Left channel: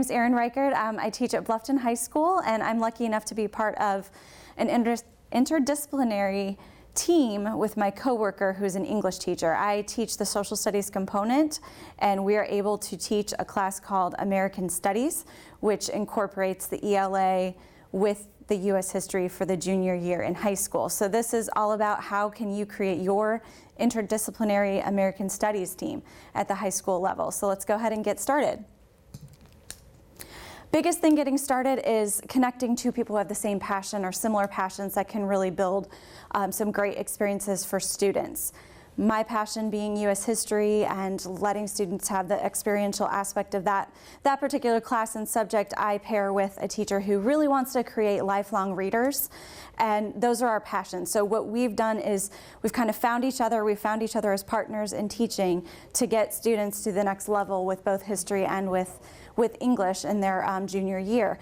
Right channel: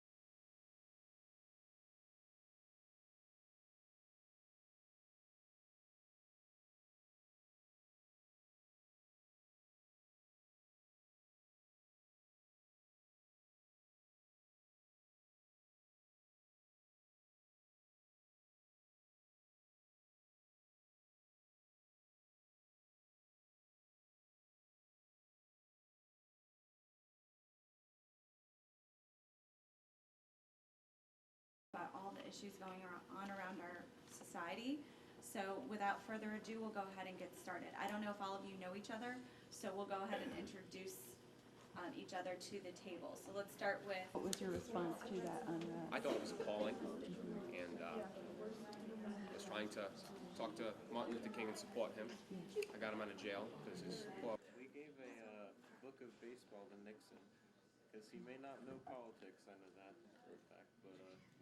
name's Erin Reichert. I teach at Bluffton High School, and I'm lucky enough to be part of an interdisciplinary team with my coworker who's an English teacher. I teach the social studies component, and we are able to teach a class called American Studies, which incorporates the ELA with the U.S. history for the junior year in high school. So this is all about how can you create your interdisciplinary American Studies team at the high school level. So let's go ahead and get started. Biggest thing getting started is connecting two people who have the same passion or similar passions that can really build some great experiences for students. My passion being U.S. history and letting students have the experiential aspect of that particular class and subject. I pair with a teacher who really wants to create lifelong readers, and those are our passions. So what we've done is we've kind of found each other as partners in teaching to get students to the next level with both history and with English in their junior year.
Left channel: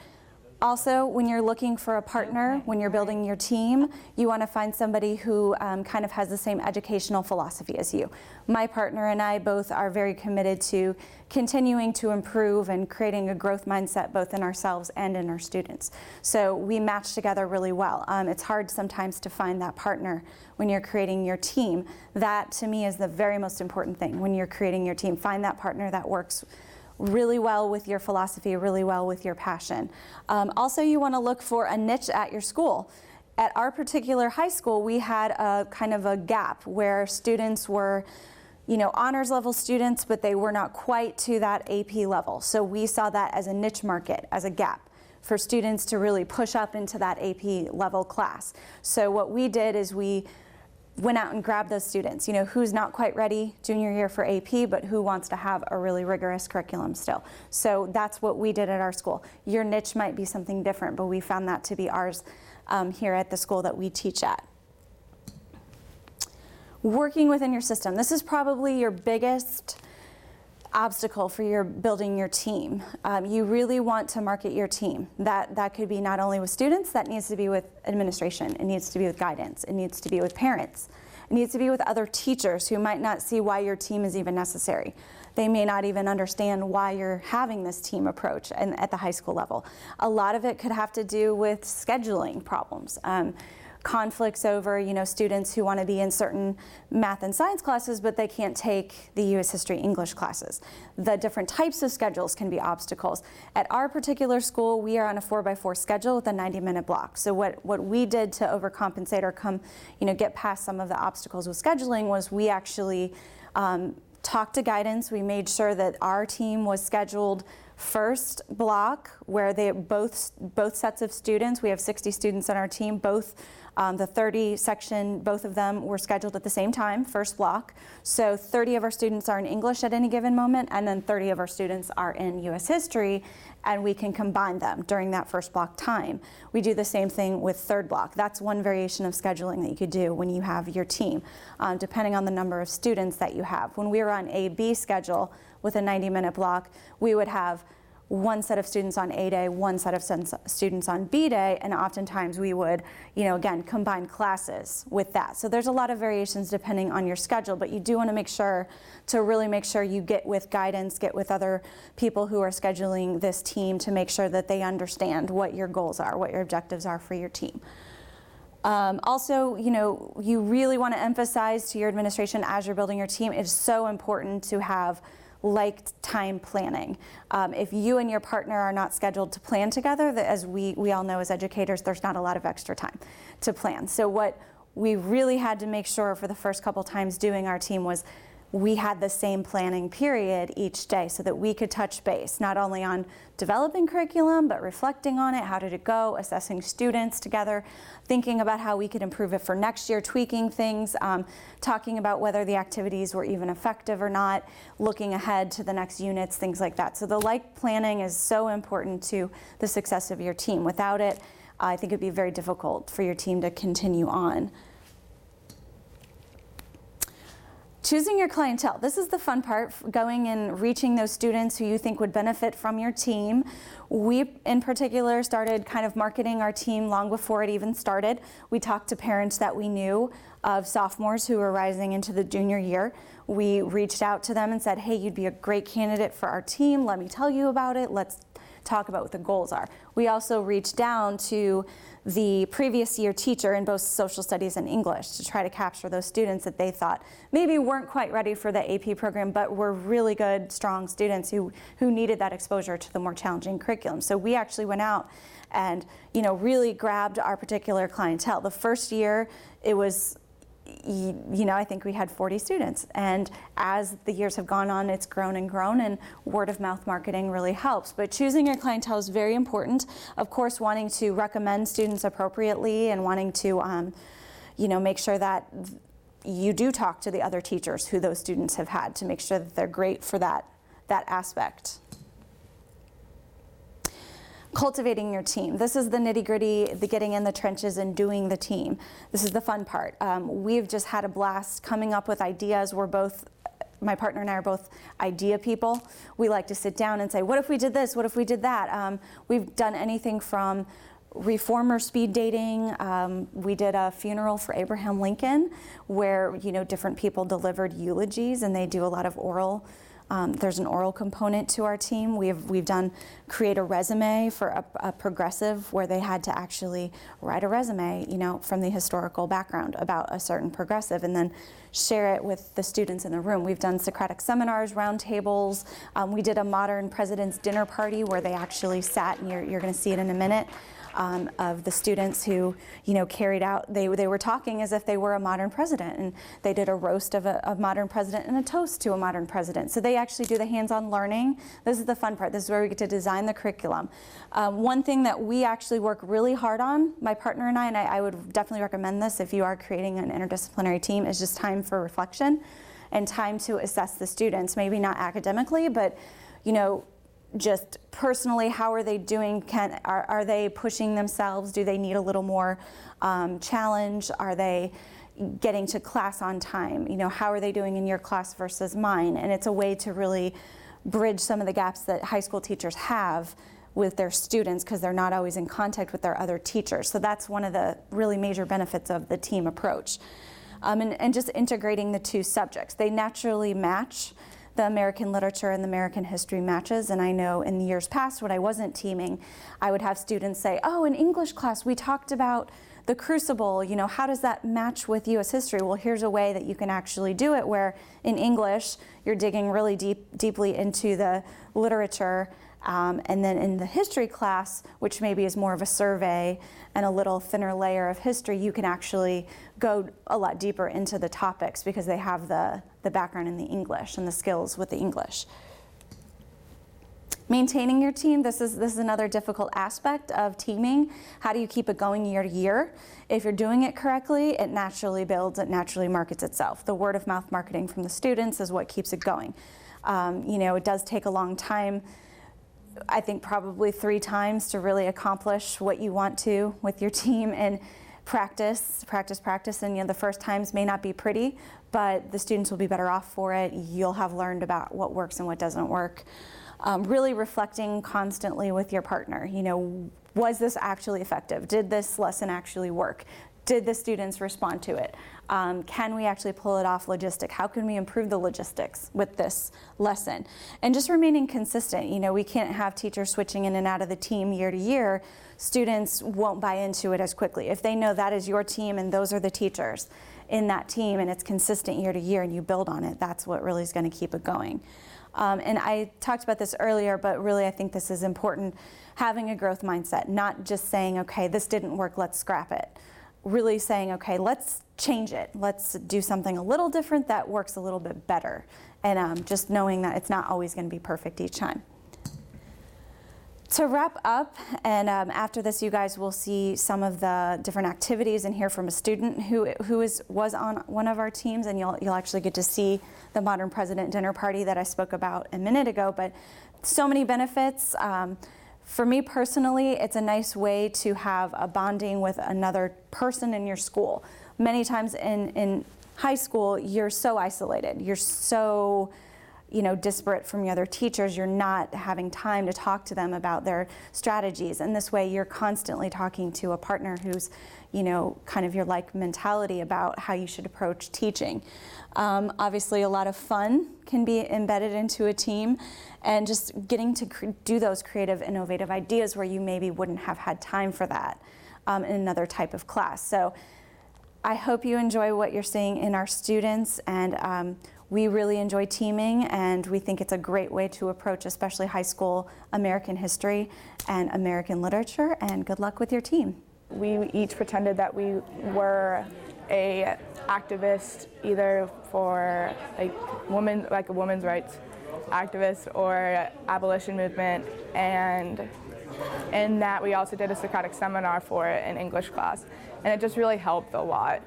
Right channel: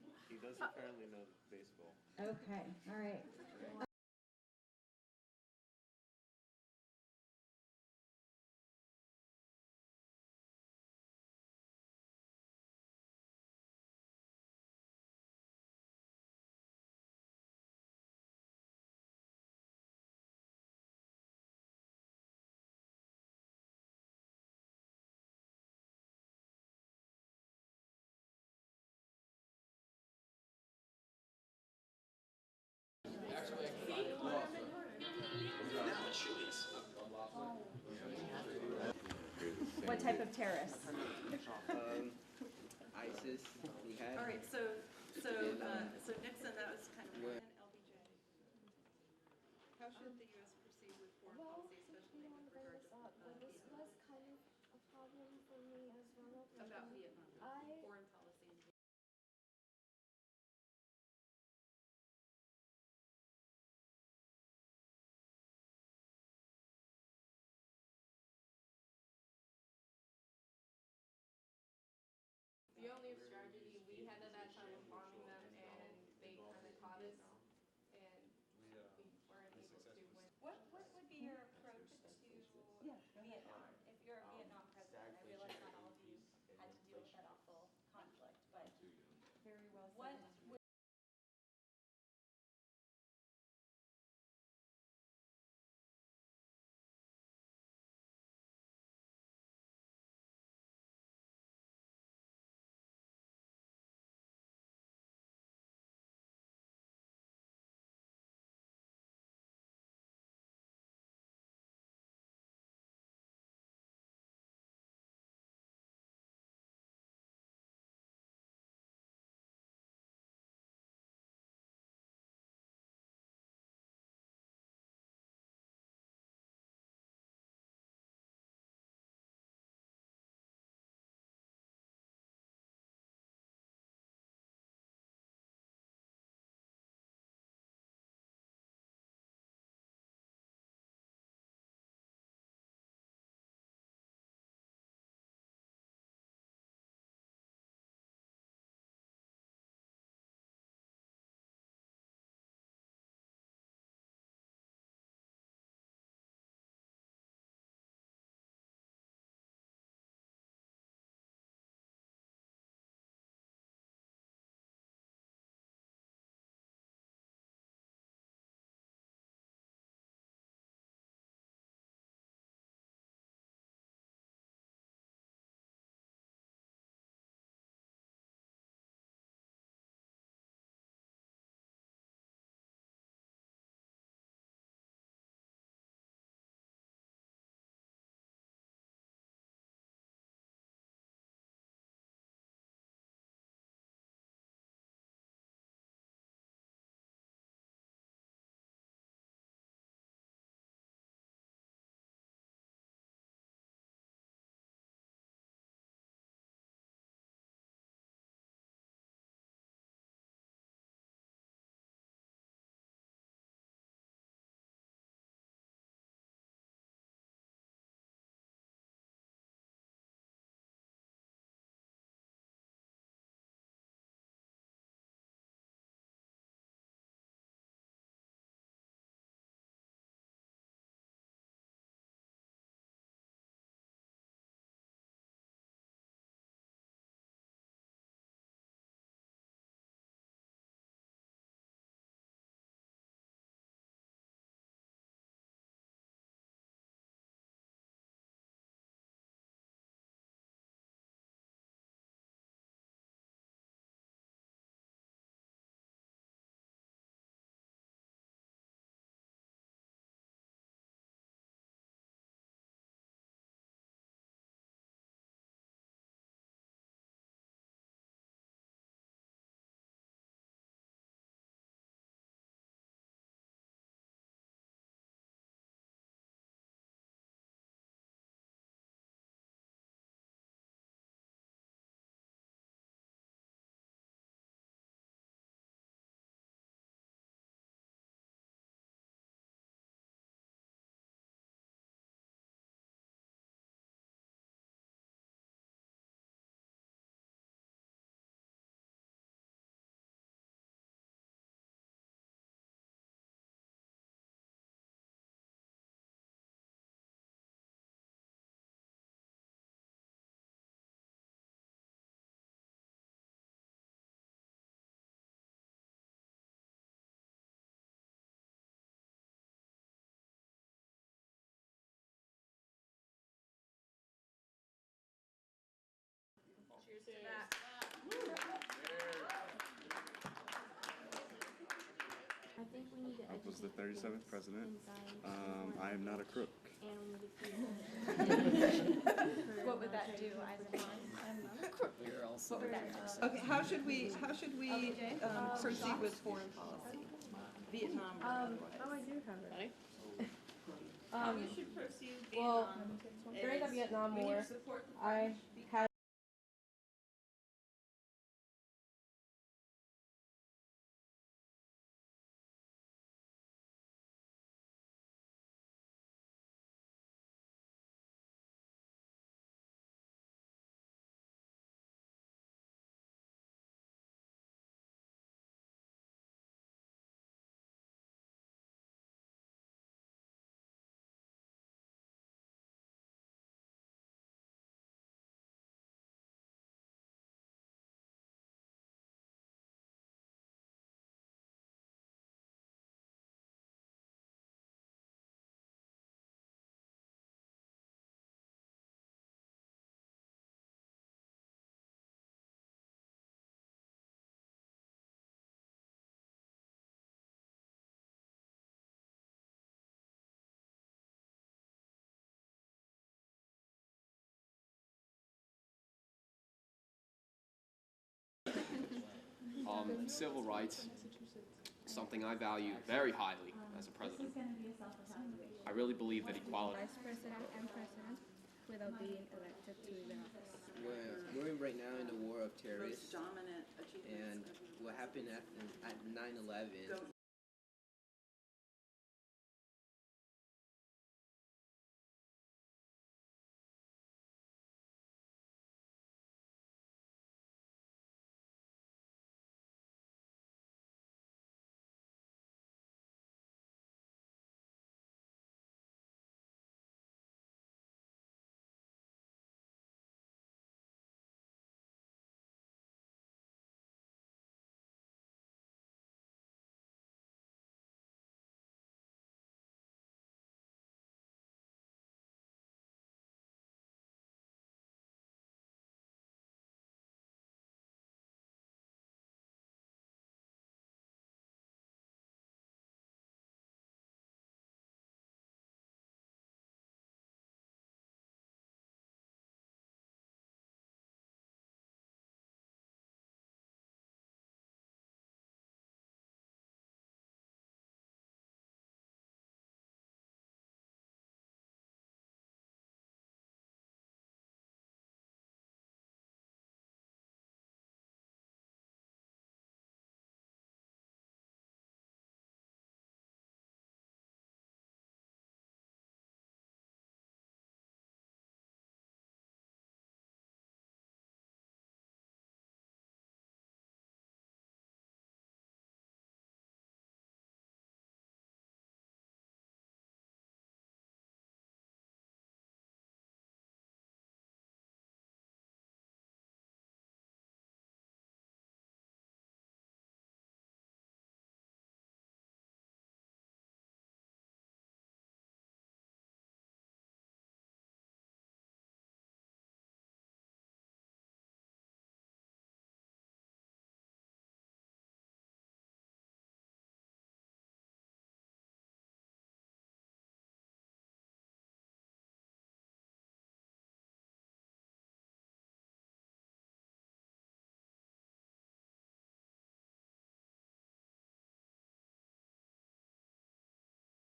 Also, when you're looking for a partner, when you're building your team, you want to find somebody who kind of has the same educational philosophy as you. My partner and I both are very committed to continuing to improve and creating a growth mindset both in ourselves and in our students. So we match together really well. It's hard sometimes to find that partner when you're creating your team. That, to me, is the very most important thing when you're creating your team. Find that partner that works really well with your philosophy, really well with your passion. Also, you want to look for a niche at your school. At our particular high school, we had a kind of a gap where students were, honors level students, but they were not quite to that AP level. So we saw that as a niche market, as a gap for students to really push up into that AP level class. So what we did is we went out and grabbed those students, who's not quite ready junior year for AP, but who wants to have a really rigorous curriculum still. So that's what we did at our school. Your niche might be something different, but we found that to be ours here at the school that we teach at. Working within your system. This is probably your biggest obstacle for your building your team. You really want to market your team. That could be not only with students, that needs to be with administration, it needs to be with guidance, it needs to be with parents, it needs to be with other teachers who might not see why your team is even necessary. They may not even understand why you're having this team approach at the high school level. A lot of it could have to do with scheduling problems. Conflicts over, students who want to be in certain math and science classes, but they can't take the U.S. history English classes. The different types of schedules can be obstacles. At our particular school, we are on a 4x4 schedule with a 90-minute block. So what we did to overcompensate or get past some of the obstacles with scheduling was we actually talked to guidance. We made sure that our team was scheduled first block where they both sets of students, we have 60 students on our team, both the 30 section, both of them were scheduled at the same time, first block. So 30 of our students are in English at any given moment, and then 30 of our students are in U.S. history, and we can combine them during that first block time. We do the same thing with third block. That's one variation of scheduling that you could do when you have your team, depending on the number of students that you have. When we were on A-B schedule with a 90-minute block, we would have one set of students on A day, one set of students on B day, and oftentimes we would, again, combine classes with that. So there's a lot of variations depending on your schedule, but you do want to make sure you get with guidance, get with other people who are scheduling this team to make sure that they understand what your goals are, what your objectives are for your team. Also, you really want to emphasize to your administration as you're building your team, it's so important to have time planning. If you and your partner are not scheduled to plan together, as we all know as educators, there's not a lot of extra time to plan. So what we really had to make sure for the first couple times doing our team was we had the same planning period each day so that we could touch base, not only on developing curriculum, but reflecting on it, how did it go, assessing students together, thinking about how we could improve it for next year, tweaking things, talking about whether the activities were even effective or not, looking ahead to the next units, things like that. So the planning is so important to the success of your team. Without it, I think it'd be very difficult for your team to continue on. Choosing your clientele. This is the fun part, going and reaching those students who you think would benefit from your team. We, in particular, started kind of marketing our team long before it even started. We talked to parents that we knew of sophomores who were rising into the junior year. We reached out to them and said, hey, you'd be a great candidate for our team. Let me tell you about it. Let's talk about what the goals are. We also reach down to the previous year teacher in both social studies and English to try to capture those students that they thought maybe weren't quite ready for the AP program, but were really good, strong students who needed that exposure to the more challenging curriculum. So we actually went out and really grabbed our particular clientele. The first year it was, I think we had 40 students, and as the years have gone on, it's grown and grown, and word of mouth marketing really helps. But choosing your clientele is very important. Of course, wanting to recommend students appropriately and wanting to make sure that you do talk to the other teachers who those students have had to make sure that they're great for that aspect. Cultivating your team. This is the nitty-gritty, the getting in the trenches and doing the team. This is the fun part. We've just had a blast coming up with ideas. My partner and I are both idea people. We like to sit down and say, what if we did this? What if we did that? We've done anything from reformer speed dating. We did a funeral for Abraham Lincoln where different people delivered eulogies, and they do a lot of oral. There's an oral component to our team. We've done create a resume for a progressive where they had to actually write a resume, from the historical background about a certain progressive, and then share it with the students in the room. We've done Socratic seminars, roundtables. We did a modern president's dinner party where they actually sat, and you're going to see it in a minute. Of the students who, carried out, they were talking as if they were a modern president, and they did a roast of a modern president and a toast to a modern president. So they actually do the hands-on learning. This is the fun part. This is where we get to design the curriculum. One thing that we actually work really hard on, my partner and I would definitely recommend this if you are creating an interdisciplinary team, is just time for reflection and time to assess the students, maybe not academically, but, just personally, how are they doing? Are they pushing themselves? Do they need a little more challenge? Are they getting to class on time? How are they doing in your class versus mine? And it's a way to really bridge some of the gaps that high school teachers have with their students because they're not always in contact with their other teachers. So that's one of the really major benefits of the team approach. And just integrating the two subjects. They naturally match. The American literature and the American history matches, and I know in the years past when I wasn't teaming, I would have students say, oh, in English class we talked about the Crucible, how does that match with US history? Well, here's a way that you can actually do it where in English you're digging really deeply into the literature, and then in the history class, which maybe is more of a survey and a little thinner layer of history, you can actually go a lot deeper into the topics because they have the background in the English and the skills with the English. Maintaining your team, this is another difficult aspect of teaming. How do you keep it going year to year? If you're doing it correctly, it naturally builds, it naturally markets itself. The word of mouth marketing from the students is what keeps it going. It does take a long time. I think probably 3 times to really accomplish what you want to with your team, and practice, and the first times may not be pretty, but the students will be better off for it. You'll have learned about what works and what doesn't work. Really reflecting constantly with your partner. Was this actually effective? Did this lesson actually work? Did the students respond to it? Can we actually pull it off logistic? How can we improve the logistics with this lesson? And just remaining consistent. We can't have teachers switching in and out of the team year to year. Students won't buy into it as quickly. If they know that is your team and those are the teachers in that team and it's consistent year to year and you build on it, that's what really is going to keep it going. And I talked about this earlier, but really I think this is important, having a growth mindset, not just saying, okay, this didn't work, let's scrap it. Really saying, okay, let's change it. Let's do something a little different that works a little bit better. And just knowing that it's not always going to be perfect each time. To wrap up, and after this you guys will see some of the different activities and hear from a student who was on one of our teams, and you'll actually get to see the Modern President dinner party that I spoke about a minute ago. But so many benefits. For me personally, it's a nice way to have a bonding with another person in your school. Many times in high school, you're so isolated. You're so disparate from your other teachers. You're not having time to talk to them about their strategies. And this way, you're constantly talking to a partner who's, kind of your like mentality about how you should approach teaching. Obviously, a lot of fun can be embedded into a team, and just getting to do those creative, innovative ideas where you maybe wouldn't have had time for that in another type of class. So I hope you enjoy what you're seeing in our students, and we really enjoy teaming, and we think it's a great way to approach especially high school American history and American literature, and good luck with your team. We each pretended that we were a activist, either for a women's rights activist or abolition movement, and in that we also did a Socratic seminar for it in English class, and it just really helped a lot.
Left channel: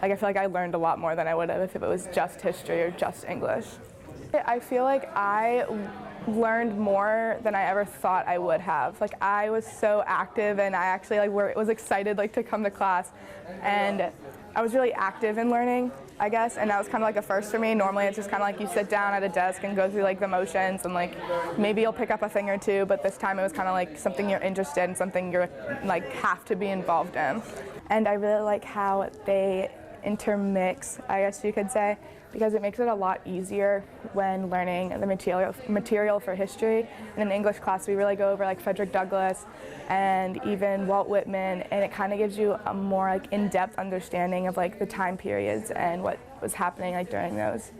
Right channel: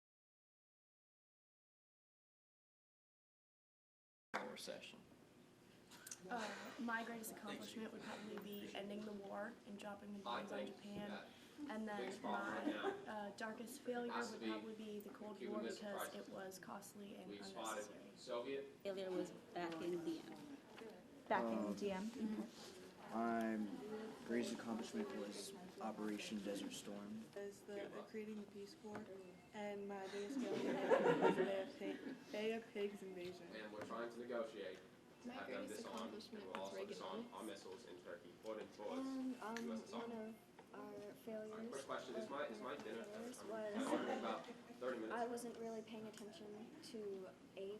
Like, I feel like I learned a lot more than I would have if it was just history or just English. I feel like I learned more than I ever thought I would have. Like, I was so active, and I actually was excited to come to class, and I was really active in learning, I guess, and that was kind of like a first for me. Normally it's just kind of like you sit down at a desk and go through the motions, and maybe you'll pick up a thing or two, but this time it was kind of like something you're interested in, something you're have to be involved in. And I really like how they intermix, I guess you could say, because it makes it a lot easier when learning the material for history. And in the English class, we really go over Frederick Douglass and even Walt Whitman, and it kind of gives you a more in-depth understanding of the time periods and what was happening during those.